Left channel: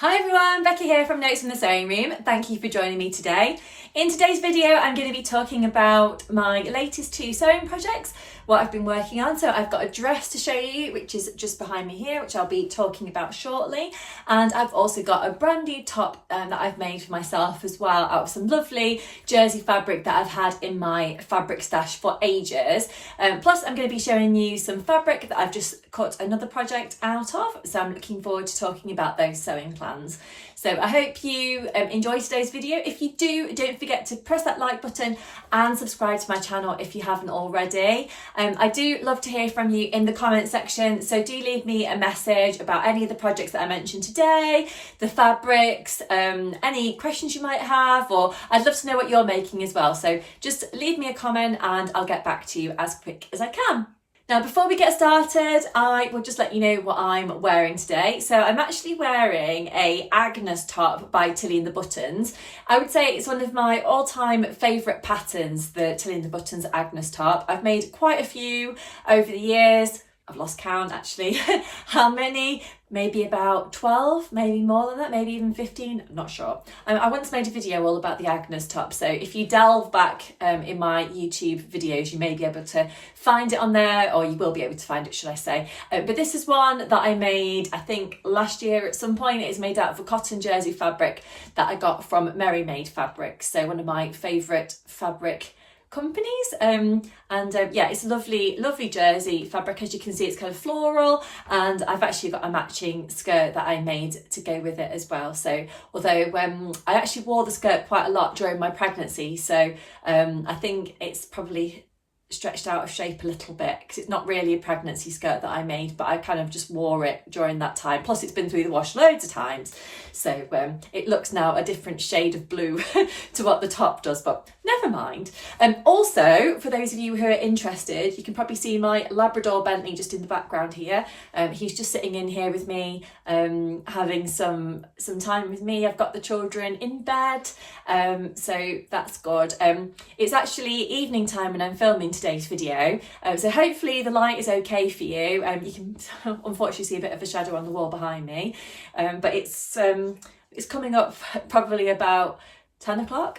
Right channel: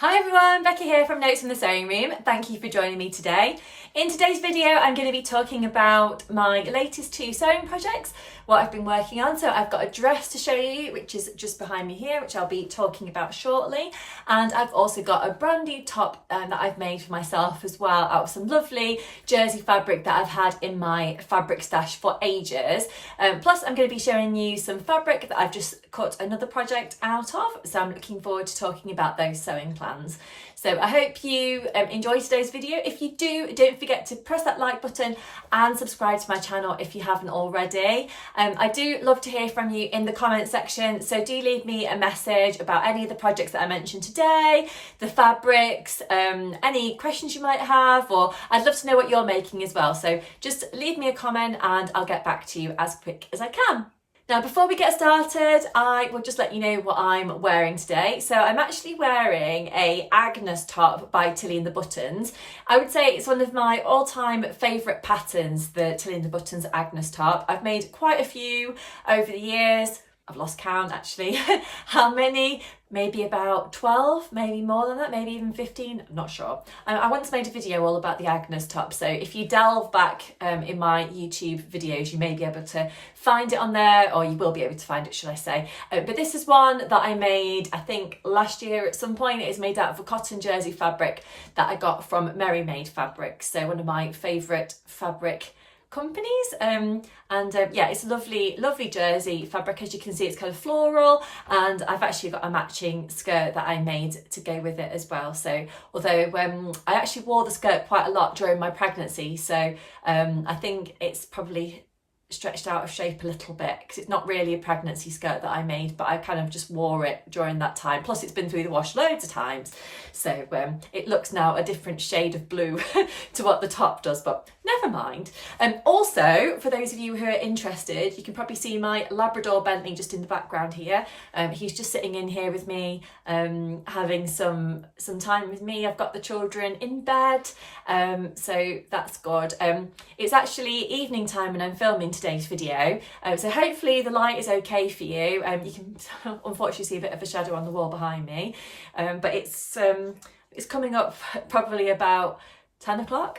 Hi everyone, Becky here from Notes from the Sewing Room. Thank you for joining me today. In today's video, I'm going to be talking about my latest two sewing projects, what I've been working on. So I've got a dress to show you, which is just behind me here, which I'll be talking about shortly. And I've also got a brand new top that I've made for myself as well, out of some lovely jersey fabric that I've had in my fabric stash for ages. Plus I'm going to be showing you some fabric that I've just cut another project out of. So I'm looking forward to talking about those sewing plans. So I hope you enjoy today's video. If you do, don't forget to press that like button and subscribe to my channel if you haven't already. I do love to hear from you in the comment section, so do leave me a message about any of the projects that I mentioned today, the fabrics, any questions you might have, or I'd love to know what you're making as well. So just leave me a comment and I'll get back to you as quick as I can. Now, before we get started, I will just let you know what I'm wearing today. So I'm actually wearing a Agnes top by Tilly and the Buttons. I would say it's one of my all-time favourite patterns, the Tilly and the Buttons Agnes top. I've made quite a few over the years. I've lost count actually. How many? Maybe about 12, maybe more than that, maybe even 15, I'm not sure. I once made a video all about the Agnes top, so if you delve back in my YouTube videos, you may be able to find it on there, or you will be able to find it, should I say. But this is one that I made, I think, last year at some point. It is made out of a cotton jersey fabric that I got from Merry Made Fabrics, so one of my favourite fabric companies. Yeah, it's a lovely jersey fabric. As you can see, it's kind of floral, and I've actually got a matching skirt that I made to go with it as well. So although I actually wore the skirt quite a lot during my pregnancy, so I think it's probably stretched out of shape a little bit because it's not really a pregnancy skirt that I made, but I kind of just wore it during that time. Plus it's been through the wash loads of times, so it looks now a different shade of blue to what the top does, but never mind. Also, for those of you who are interested, you can probably see my Labrador Bentley just in the background here. He's just sitting in here with me, having some time with me. I've got the children in bed, so that's good. It's actually evening time when I'm filming today's video, so hopefully the light is okay for you. You can unfortunately see a bit of a shadow on the wall behind me, but it's coming up probably about 10 o'clock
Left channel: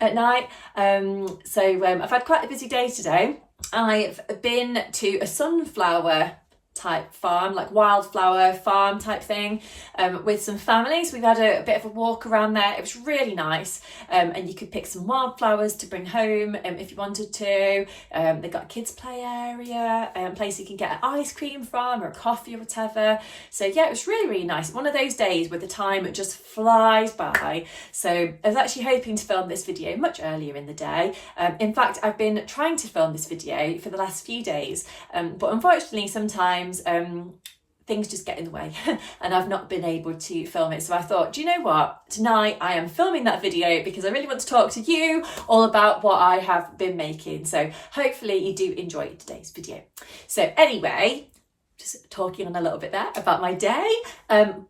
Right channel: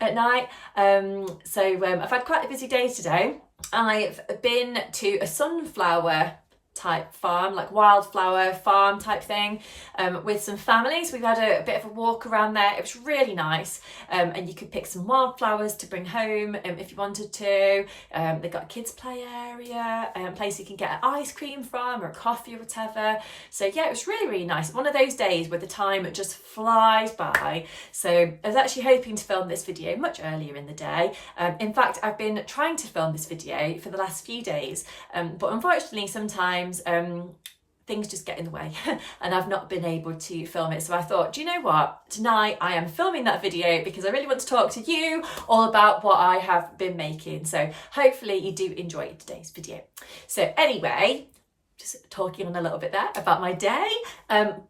at night. I've had quite a busy day today. I've been to a sunflower type farm, like wildflower farm type thing, with some families. We've had a bit of a walk around there. It was really nice, and you could pick some wildflowers to bring home if you wanted to. They've got a kids play area, place you can get an ice cream from or a coffee or whatever. So yeah, it was really nice. One of those days where the time just flies by. So I was actually hoping to film this video much earlier in the day. In fact, I've been trying to film this video for the last few days, but unfortunately sometimes things just get in the way and I've not been able to film it. So I thought, do you know what? Tonight I am filming that video because I really want to talk to you all about what I have been making. So hopefully you do enjoy today's video. So anyway, just talking on a little bit there about my day,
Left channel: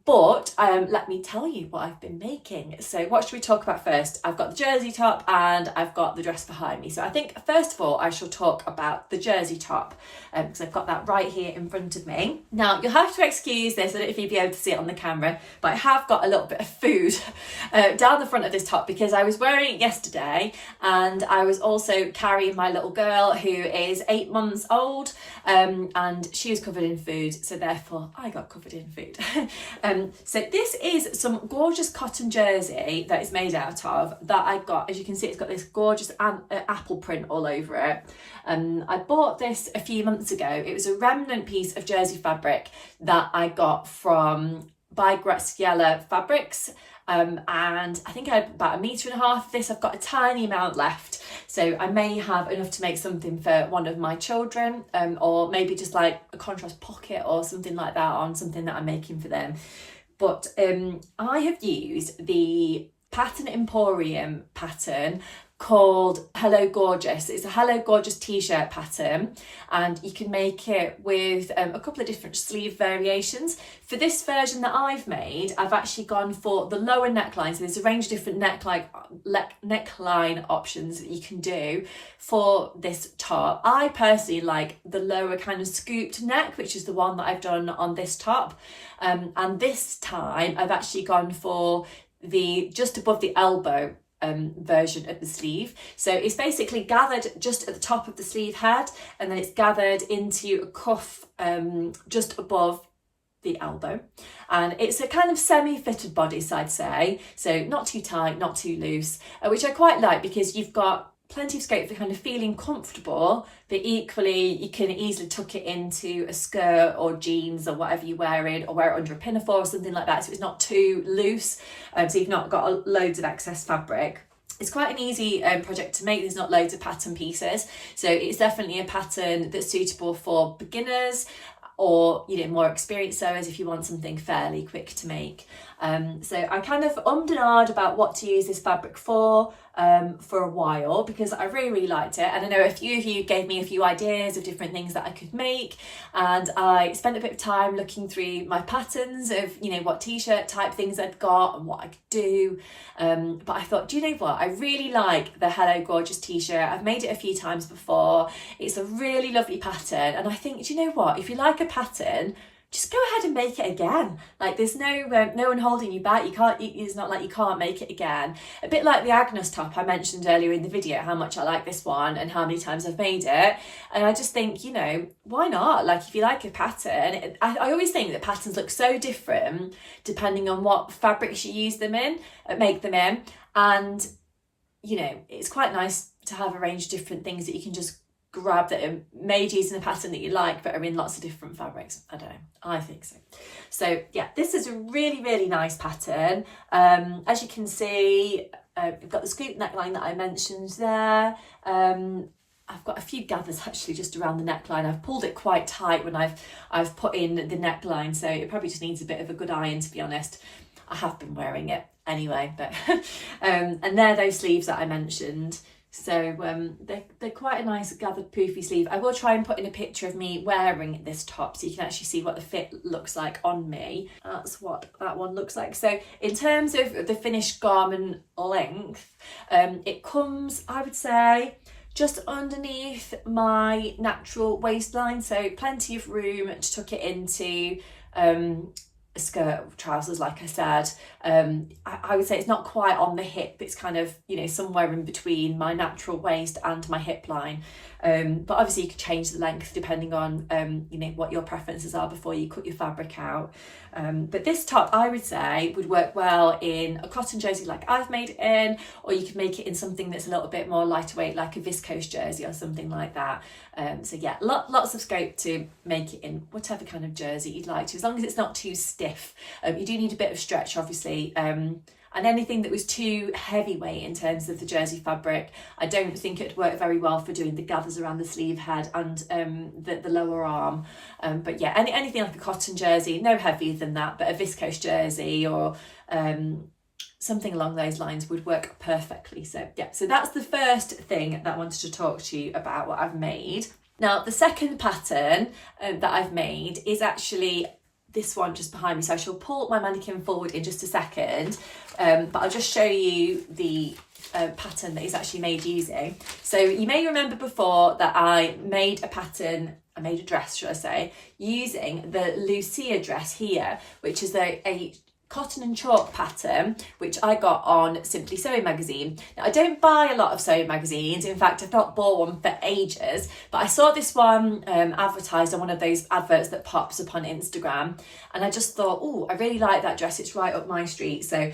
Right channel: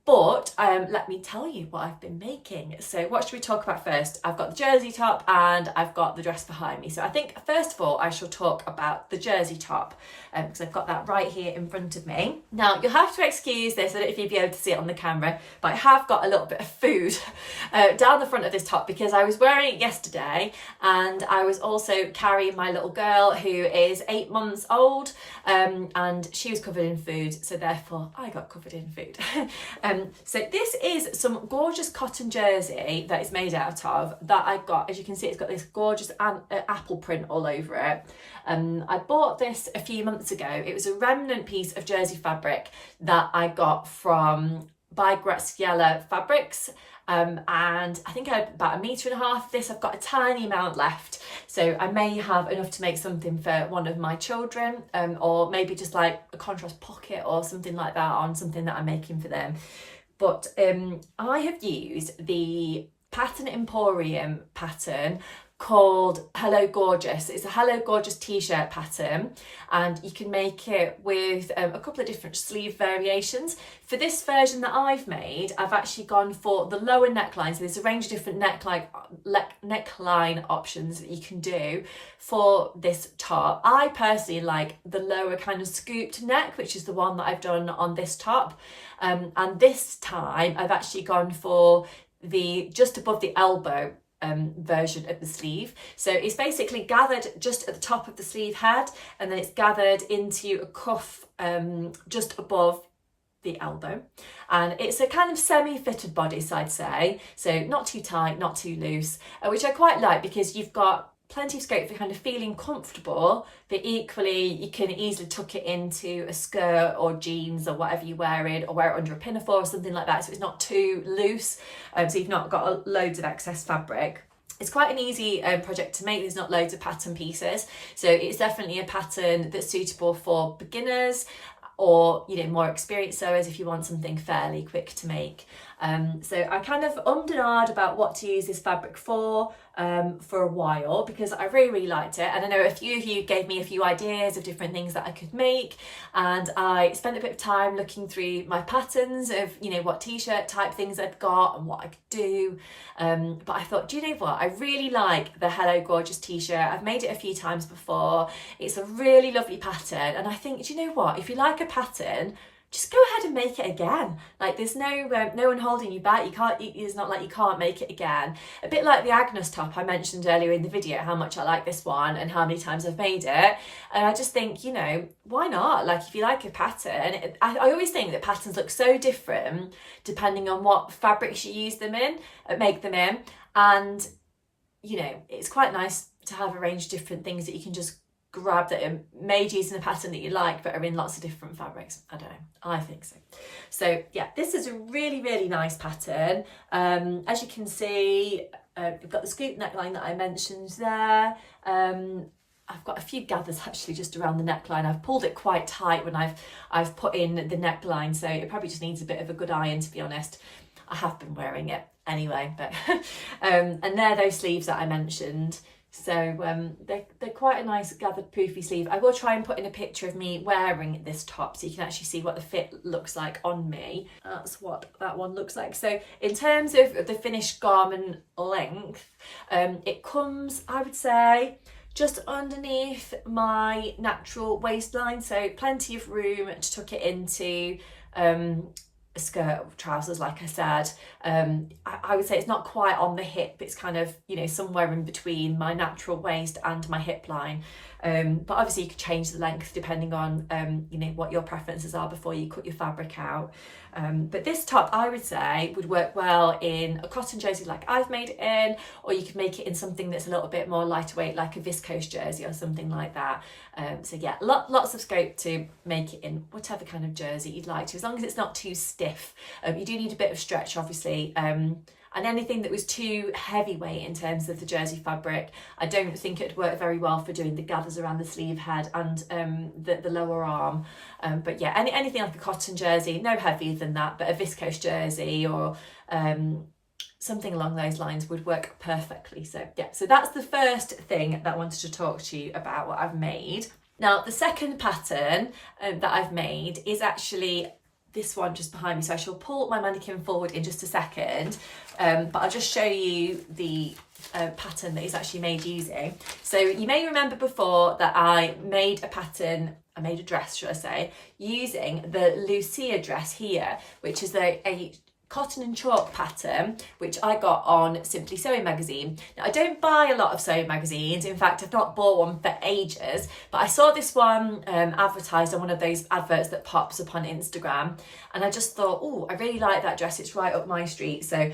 but let me tell you what I've been making. So what should we talk about first? I've got the jersey top and I've got the dress behind me. So I think first of all I shall talk about the jersey top, because I've got that right here in front of me. Now you'll have to excuse this, I don't know if you'll be able to see it on the camera, but I have got a little bit of food down the front of this top because I was wearing it yesterday, and I was also carrying my little girl who is 8 months old, and she was covered in food, so therefore I got covered in food. So this is some gorgeous cotton jersey that it's made out of that I got. As you can see, it's got this gorgeous apple print all over it. I bought this a few months ago. It was a remnant piece of jersey fabric that I got from by Graziella Fabrics. And I think I had about 1.5 meters of this. I've got a tiny amount left, so I may have enough to make something for one of my children, or maybe just like a contrast pocket or something like that on something that I'm making for them. But I have used the Pattern Emporium pattern called Hello Gorgeous. It's a Hello Gorgeous t-shirt pattern, and you can make it with a couple of different sleeve variations. For this version that I've made, I've actually gone for the lower neckline. So there's a range of different neckline options that you can do for this top. I personally like the lower kind of scooped neck, which is the one that I've done on this top. And this time I've actually gone for the just above the elbow version of the sleeve. So it's basically gathered just at the top of the sleeve head, and then it's gathered into a cuff just above the elbow, and it's a kind of semi-fitted bodice, I'd say, so not too tight, not too loose, which I quite like because you've got plenty of scope for kind of feeling comfortable, but equally you can easily tuck it into a skirt or jeans or whatever you wear it, or wear it under a pinafore or something like that, so it's not too loose, so you've not got loads of excess fabric. It's quite an easy project to make. There's not loads of pattern pieces, so it's definitely a pattern that's suitable for beginners or, you know, more experienced sewers if you want something fairly quick to make. So I kind of ummed and ahed about what to use this fabric for a while, because I really liked it, and I know a few of you gave me a few ideas of different things that I could make, and I spent a bit of time looking through my patterns of, you know, what t-shirt type things I'd got and what I could do, but I thought, do you know what, I really like the Hello Gorgeous t-shirt. I've made it a few times before. It's a really lovely pattern, and I think, do you know what, if you like a pattern, just go ahead and make it again. Like, there's no one holding you back. It's not like you can't make it again. A bit like the Agnes top I mentioned earlier in the video, how much I like this one and how many times I've made it. And I just think, you know, why not? Like, if you like a pattern, I always think that patterns look so different depending on what fabrics you use them in, make them in. And, you know, it's quite nice to have a range of different things that you can just grab that are made using a pattern that you like but are in lots of different fabrics. I don't know, I think so. So yeah, this is a really nice pattern. As you can see, I've got the scoop neckline that I mentioned there. I've got a few gathers actually just around the neckline. I've pulled it quite tight when I've put in the neckline, so it probably just needs a bit of a good iron, to be honest. I have been wearing it anyway, but and they're those sleeves that I mentioned. So they're quite a nice gathered poofy sleeve. I will try and put in a picture of me wearing this top so you can actually see what the fit looks like on me. That's what that one looks like. So in terms of the finished garment length, it comes, I would say, just underneath my natural waistline, so plenty of room to tuck it into a skirt or trousers, like I said. I would say it's not quite on the hip, it's kind of, you know, somewhere in between my natural waist and my hip line. But obviously you could change the length depending on you know, what your preferences are before you cut your fabric out. But this top, I would say, would work well in a cotton jersey like I've made it in, or you could make it in something that's a little bit more lightweight, like a viscose jersey or something like that. So yeah, lots of scope to make it in whatever kind of jersey you'd like to, as long as it's not too stiff. You do need a bit of stretch, obviously, and anything that was too heavyweight in terms of the jersey fabric, I don't think it'd work very well for doing the gathers around the sleeve head and the lower arm. But yeah, anything like a cotton jersey, no heavier than that, but a viscose jersey or something along those lines would work perfectly. So yeah, so that's the first thing that I wanted to talk to you about, what I've made. Now, the second pattern that I've made is actually this one just behind me, so I shall pull my mannequin forward in just a second, but I'll just show you the pattern that is actually made using. So you may remember before that I made a dress, should I say, using the Lucia dress here, which is a cotton and chalk pattern, which I got on Simply Sewing magazine. Now, I don't buy a lot of sewing magazines. In fact, I've not bought one for ages, but I saw this one advertised on one of those adverts that pops up on Instagram, and I just thought, oh, I really like that dress. It's right up my street. So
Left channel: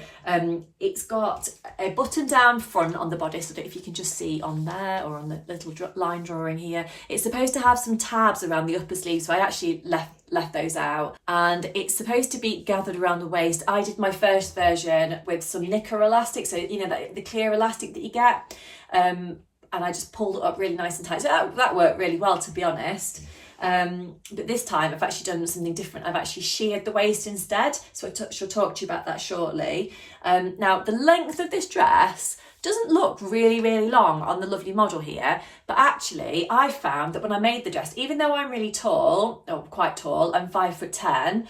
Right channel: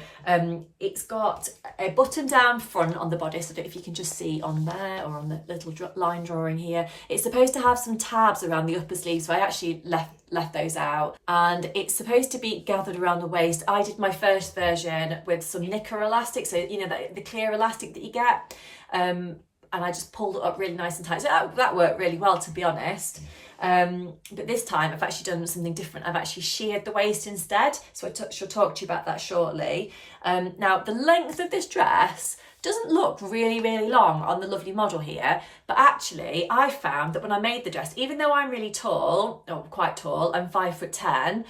it's got a button down front on the bodice. I don't know if you can just see on there or on the little line drawing here. It's supposed to have some tabs around the upper sleeve, so I actually left those out, and it's supposed to be gathered around the waist. I did my first version with some knicker elastic, so you know, the clear elastic that you get, and I just pulled it up really nice and tight, so that worked really well, to be honest. But this time I've actually done something different. I've actually sheared the waist instead, so I shall talk to you about that shortly. Now, the length of this dress doesn't look really long on the lovely model here, but actually I found that when I made the dress, even though I'm really tall, or quite tall, I'm 5'10",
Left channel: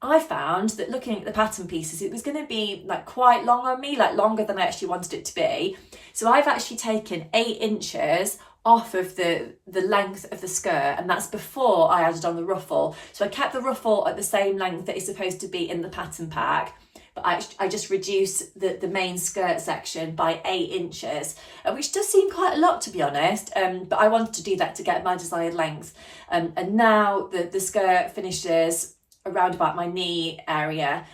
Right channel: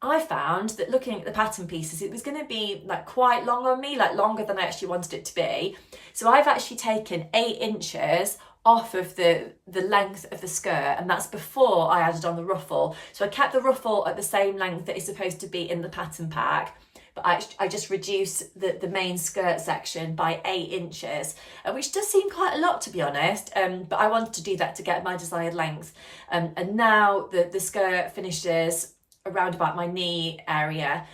I found that looking at the pattern pieces, it was going to be like quite long on me, like longer than I actually wanted it to be. So I've actually taken 8 inches off of the length of the skirt, and that's before I added on the ruffle. So I kept the ruffle at the same length that it's supposed to be in the pattern pack, but I just reduced the main skirt section by 8 inches, which does seem quite a lot, to be honest, but I wanted to do that to get my desired length. And now the skirt finishes around about my knee area,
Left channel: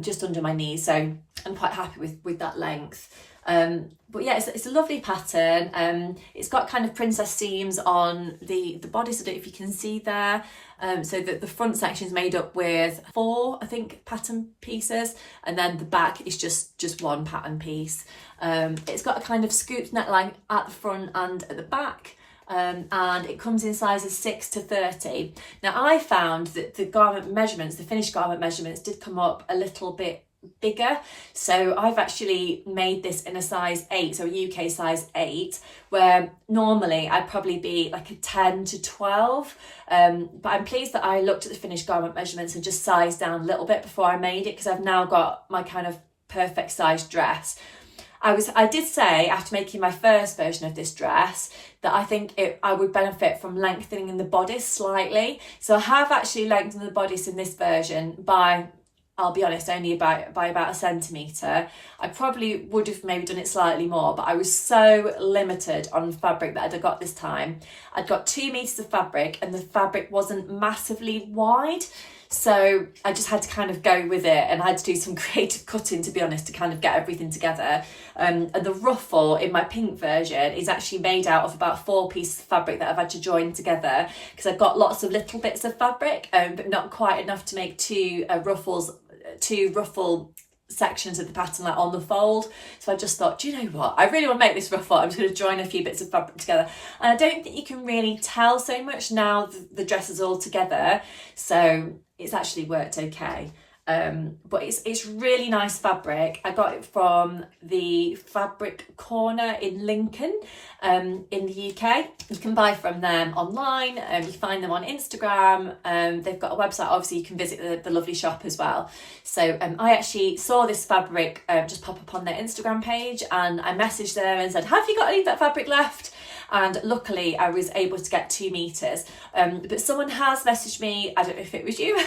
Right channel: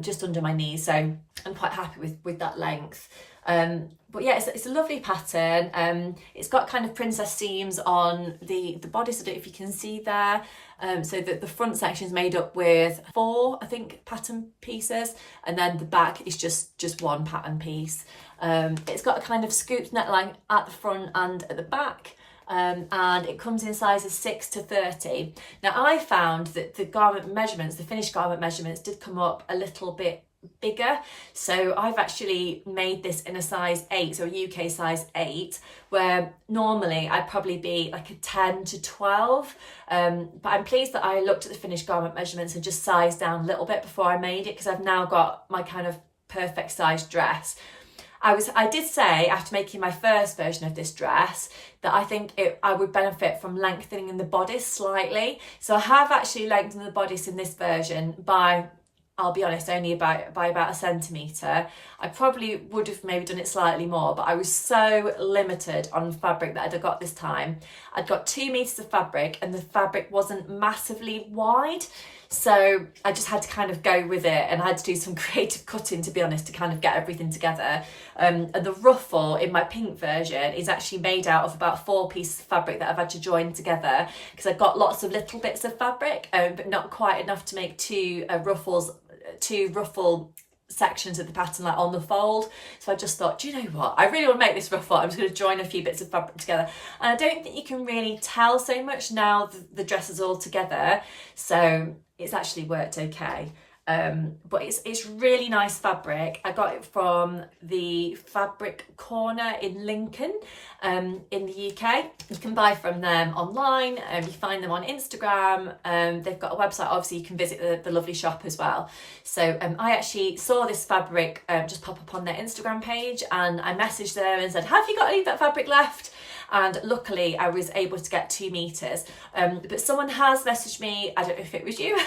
just under my knee, so I'm quite happy with that length. But yeah, it's a lovely pattern. It's got kind of princess seams on the bodice. I don't know if you can see there. So that the front section is made up with 4, I think, pattern pieces, and then the back is just one pattern piece. It's got a kind of scooped neckline at the front and at the back. And it comes in sizes 6 to 30. Now I found that the garment measurements, the finished garment measurements, did come up a little bit bigger, so I've actually made this in a size 8, so a UK size 8, where normally I'd probably be like a 10 to 12, but I'm pleased that I looked at the finished garment measurements and just sized down a little bit before I made it, because I've now got my kind of perfect size dress. I did say after making my first version of this dress that I think I would benefit from lengthening the bodice slightly. So I have actually lengthened the bodice in this version by, I'll be honest, only by about a centimetre. I probably would have maybe done it slightly more, but I was so limited on fabric that I'd got this time. I'd got 2 metres of fabric and the fabric wasn't massively wide. So I just had to kind of go with it, and I had to do some creative cutting, to be honest, to kind of get everything together. And the ruffle in my pink version is actually made out of about 4 pieces of fabric that I've had to join together, because I've got lots of little bits of fabric, but not quite enough to make 2 ruffle sections of the pattern, like on the fold. So I just thought, do you know what, I really want to make this ruffle. I'm just going to join a few bits of fabric together, and I don't think you can really tell so much now the dress is all together, so it's actually worked okay. But it's really nice fabric. I got it from the Fabric Corner in Lincoln, in the UK. You can buy from them online. You find them on Instagram. They've got a website. Obviously you can visit the lovely shop as well. So I actually saw this fabric just pop up on their Instagram page, and I messaged them and said, have you got any of that fabric left? And luckily I was able to get 2 meters. But someone has messaged me, I don't know if it was you,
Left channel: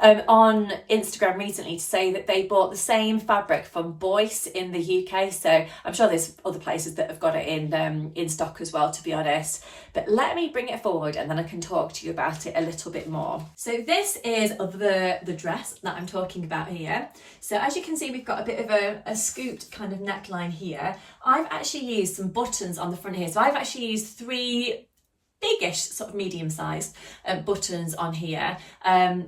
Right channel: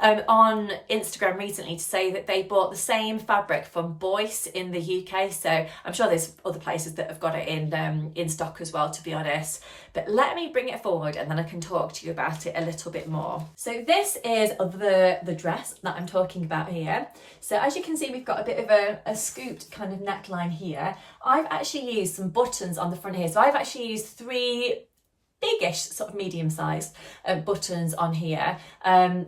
on Instagram recently to say that they bought the same fabric from Boyce in the UK. So I'm sure there's other places that have got it in stock as well, to be honest. But let me bring it forward and then I can talk to you about it a little bit more. So this is the dress that I'm talking about here. So as you can see, we've got a bit of a scooped kind of neckline here. I've actually used some buttons on the front here. So I've actually used 3 biggish, sort of medium-sized buttons on here,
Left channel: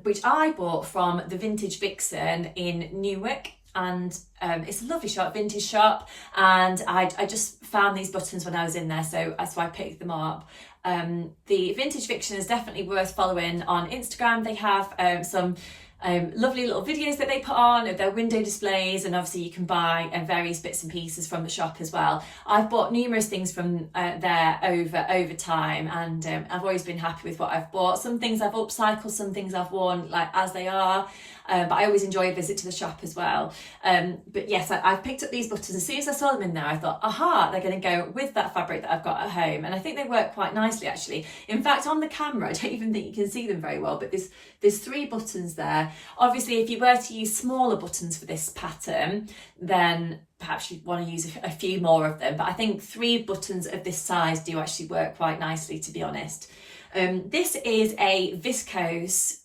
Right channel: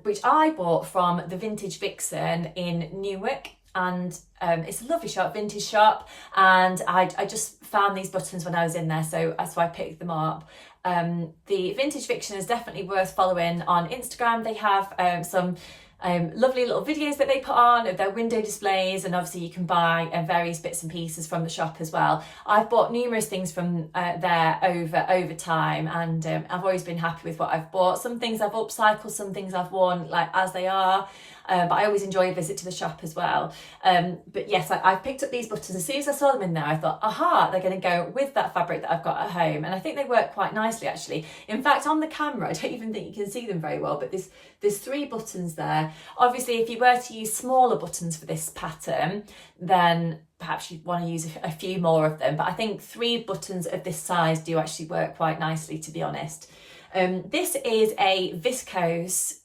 which I bought from the Vintage Vixen in Newark. And it's a lovely shop, vintage shop, and I just found these buttons when I was in there, so I picked them up. The Vintage Vixen is definitely worth following on Instagram. They have some lovely little videos that they put on of their window displays, and obviously you can buy various bits and pieces from the shop as well. I've bought numerous things from there over time, and I've always been happy with what I've bought. Some things I've upcycled, some things I've worn like as they are. But I always enjoy a visit to the shop as well. But yes, I've picked up these buttons. As soon as I saw them in there, I thought, aha, they're going to go with that fabric that I've got at home. And I think they work quite nicely, actually. In fact, on the camera, I don't even think you can see them very well, but there's 3 buttons there. Obviously, if you were to use smaller buttons for this pattern, then perhaps you'd want to use a few more of them. But I think 3 buttons of this size do actually work quite nicely, to be honest. This is a viscose,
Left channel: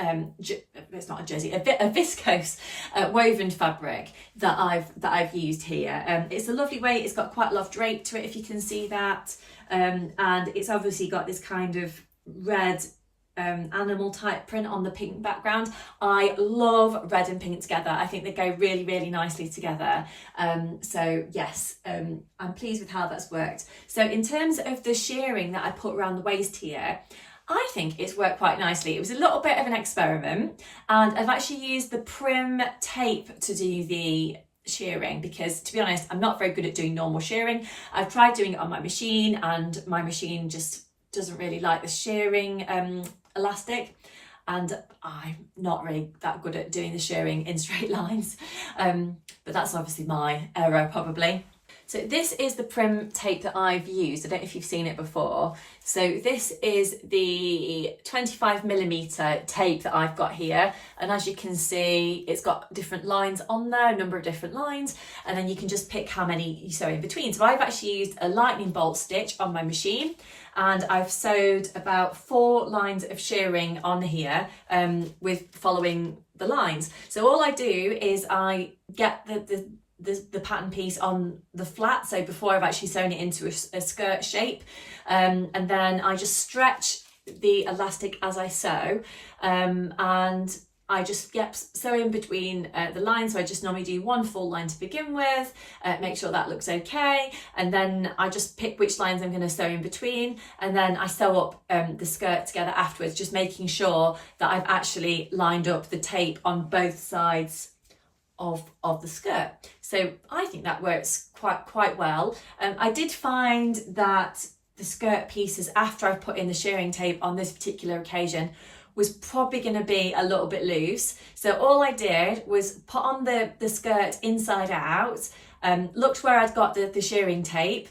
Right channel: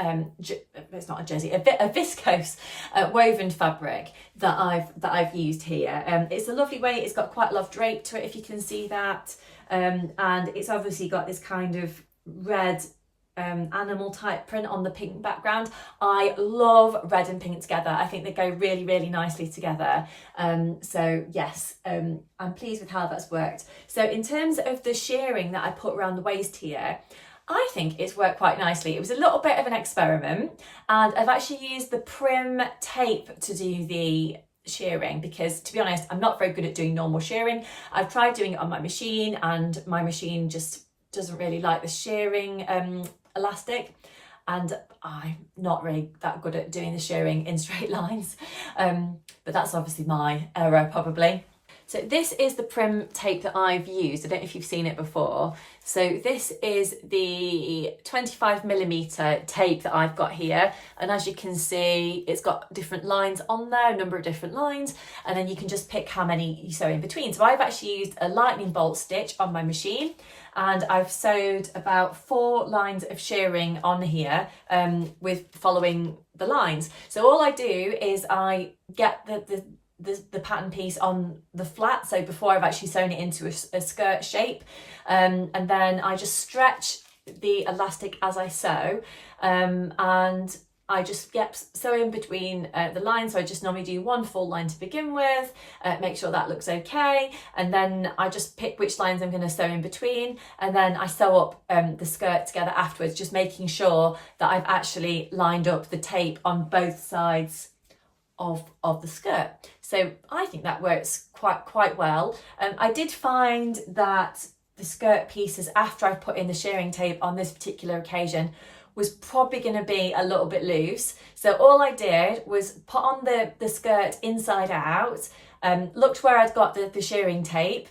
it's not a jersey, a viscose woven fabric that I've used here. It's a lovely weight. It's got quite a lot of drape to it, if you can see that, and it's obviously got this kind of red animal type print on the pink background. I love red and pink together. I think they go really, really nicely together. So yes, I'm pleased with how that's worked. So in terms of the shirring that I put around the waist here, I think it's worked quite nicely. It was a little bit of an experiment, and I've actually used the Prim tape to do the shearing, because to be honest, I'm not very good at doing normal shearing. I've tried doing it on my machine and my machine just doesn't really like the shearing elastic, and I'm not really that good at doing the shearing in straight lines, but that's obviously my error probably. So this is the prim tape that I've used. I don't know if you've seen it before. So this is the 25mm tape that I've got here. And as you can see, it's got different lines on there, a number of different lines, and then you can just pick how many you sew in between. So I've actually used a lightning bolt stitch on my machine, and I've sewed about 4 lines of shearing on here with following the lines. So all I do is I get the pattern piece on the flat, so before I've actually sewn it into a skirt shape, and then I just stretch the elastic as I sew, and I just sew in between the lines. So I just normally do 1 full line to begin with, make sure that looks okay, and then I just pick which lines I'm going to sew in between, and then I sew up the skirt together afterwards, just making sure that I've actually lined up the tape on both sides of the skirt. So I think that works quite well. I did find that the skirt pieces after I put in the shearing tape on this particular occasion was probably going to be a little bit loose. So all I did was put on the skirt inside out, looked where I'd got the shearing tape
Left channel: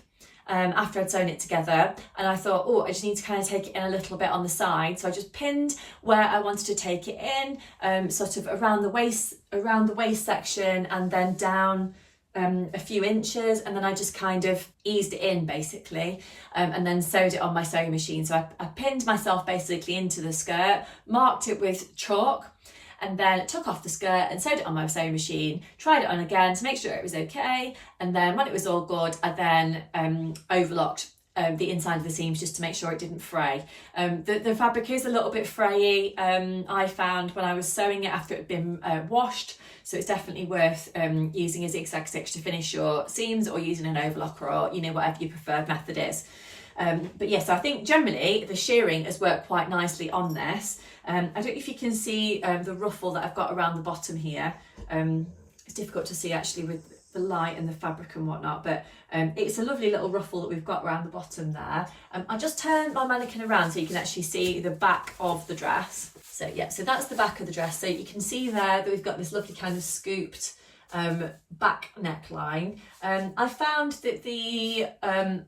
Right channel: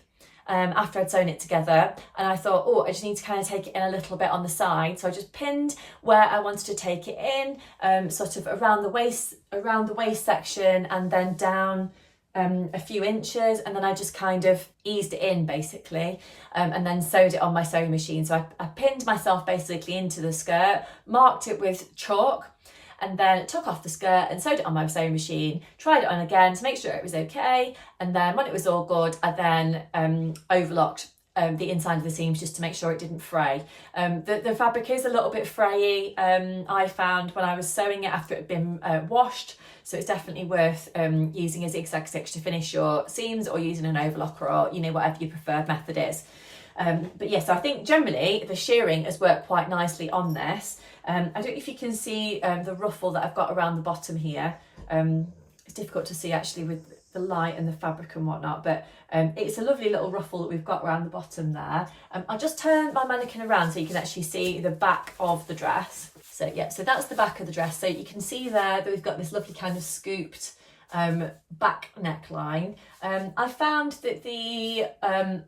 after I'd sewn it together, and I thought, oh, I just need to kind of take it in a little bit on the side. So I just pinned where I wanted to take it in, sort of around the waist section, and then down a few inches, and then I just kind of eased it in basically, and then sewed it on my sewing machine. So I pinned myself basically into the skirt, marked it with chalk, and then took off the skirt and sewed it on my sewing machine, tried it on again to make sure it was okay, and then when it was all good, I then overlocked the inside of the seams just to make sure it didn't fray. The fabric is a little bit frayy, I found when I was sewing it after it had been washed, so it's definitely worth using a zigzag stitch to finish your seams, or using an overlocker, or whatever your preferred method is. But yes, I think generally the shearing has worked quite nicely on this. I don't know if you can see the ruffle that I've got around the bottom here. It's difficult to see actually with the light and the fabric and whatnot, but it's a lovely little ruffle that we've got around the bottom there. I'll just turn my mannequin around so you can actually see the back of the dress. So yeah, so that's the back of the dress. So you can see there that we've got this lovely kind of scooped back neckline. I found that the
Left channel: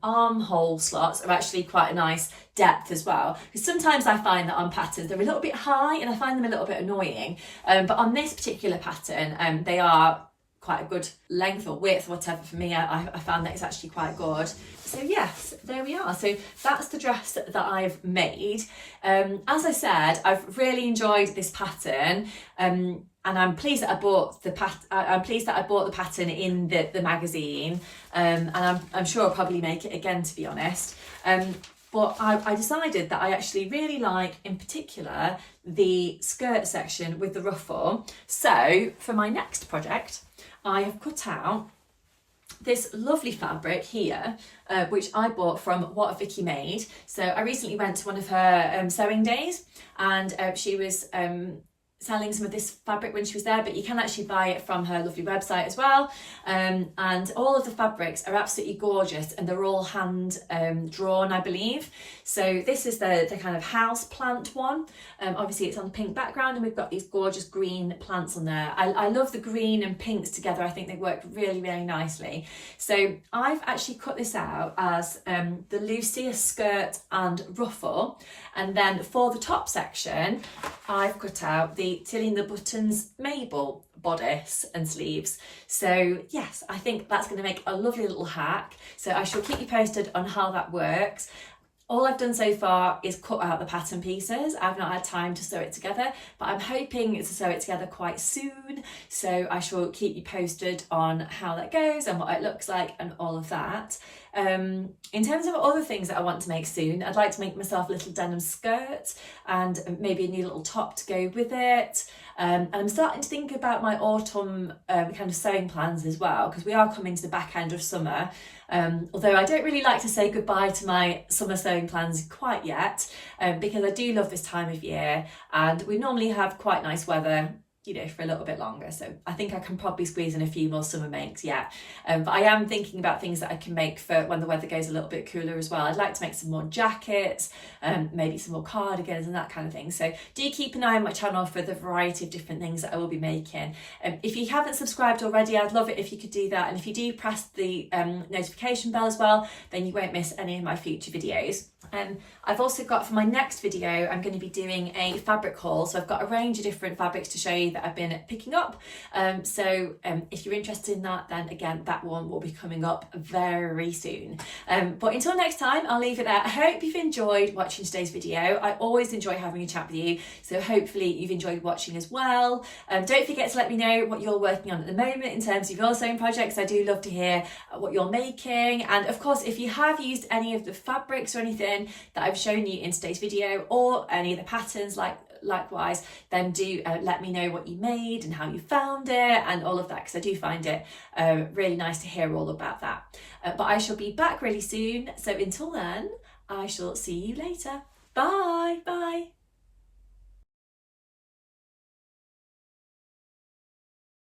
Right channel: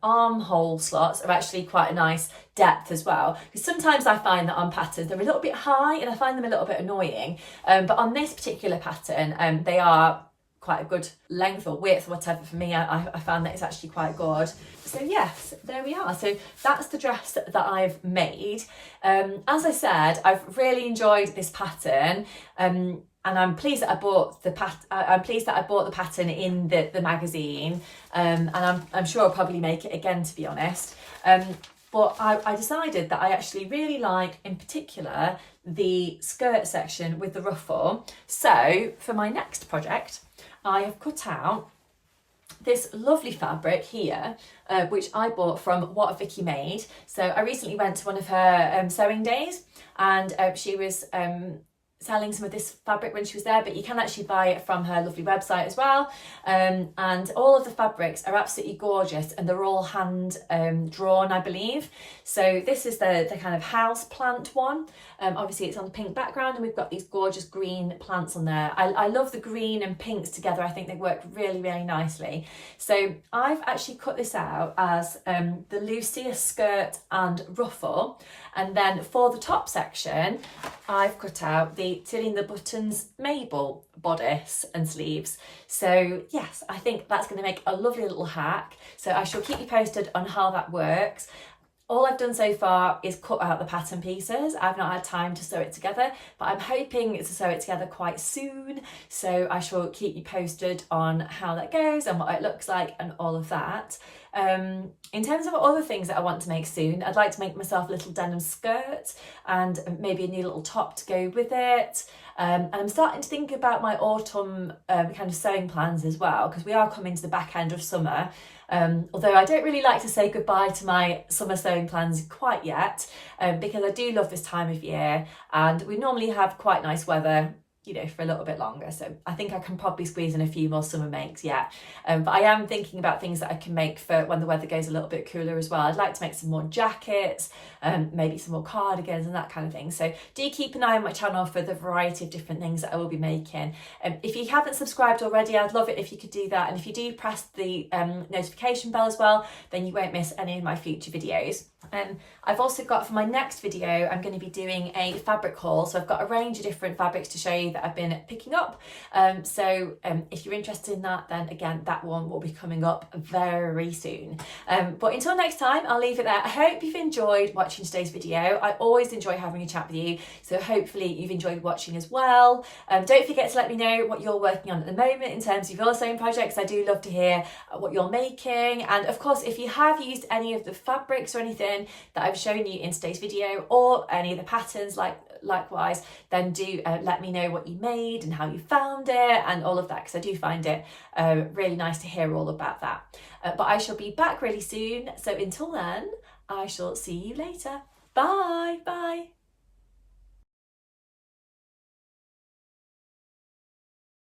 armhole slots are actually quite a nice depth as well, because sometimes I find that on patterns they're a little bit high and I find them a little bit annoying, but on this particular pattern they are quite a good length or width, whatever. For me, I found that it's actually quite good. So yes, there we are. So that's the dress that I've made. As I said, I've really enjoyed this pattern, and I'm pleased that I bought the pattern in the magazine, and I'm sure I'll probably make it again, to be honest. But I decided that I actually really like, in particular, the skirt section with the ruffle. So for my next project, I have cut out this lovely fabric here, which I bought from What Vicky Made. So I recently went to one of her sewing days, and she was selling some of this fabric when she was there, but you can actually buy it from her lovely website as well. And all of the fabrics are absolutely gorgeous, and they're all hand drawn, I believe. So this is the kind of house plant one. Obviously it's on a pink background, and we've got these gorgeous green plants on there. I love the green and pinks together. I think they work really, really nicely. So I've actually cut this out as the Lucia skirt and ruffle. And then for the top section, I've cut out the Tilly and the Buttons Mabel bodice and sleeves. So yes, I think that's going to make a lovely little hack. So I shall keep you posted on how that works. All I've done so far is cut out the pattern pieces. I've not had time to sew it together, but I'm hoping to sew it together quite soon. So I shall keep you posted on how that goes and what it looks like and all of that. In terms of other things that I want to make soon, I'd like to make myself a little denim skirt and maybe a new little top to go with it. And I'm starting to think about my autumn kind of sewing plans as well, because we are coming to the back end of summer. Although I don't really like to say goodbye to my summer sewing plans quite yet, because I do love this time of year, and we normally have quite nice weather you know, for a little bit longer. So I think I can probably squeeze in a few more summer makes yet. But I am thinking about things that I can make for when the weather goes a little bit cooler as well. I'd like to make some more jackets, maybe some more cardigans and that kind of thing. So do keep an eye on my channel for the variety of different things that I will be making. If you haven't subscribed already, I'd love it if you could do that. And if you do press the notification bell as well, then you won't miss any of my future videos. I've also got, for my next video, I'm going to be doing a fabric haul. So I've got a range of different fabrics to show you that I've been picking up. So if you're interested in that, then again, that one will be coming up very soon. But until next time, I'll leave it there. I hope you've enjoyed watching today's video. I always enjoy having a chat with you. So hopefully you've enjoyed watching as well. Don't forget to let me know what you're working on at the moment in terms of your sewing projects. I do love to hear what you're making. And of course, if you have used any of the fabrics or anything that I've shown you in today's video, or any of the patterns likewise, then do let me know what you made and how you found it and all of that, because I do find it really nice to hear all about that. But I shall be back really soon, so until then I shall see you later. Bye.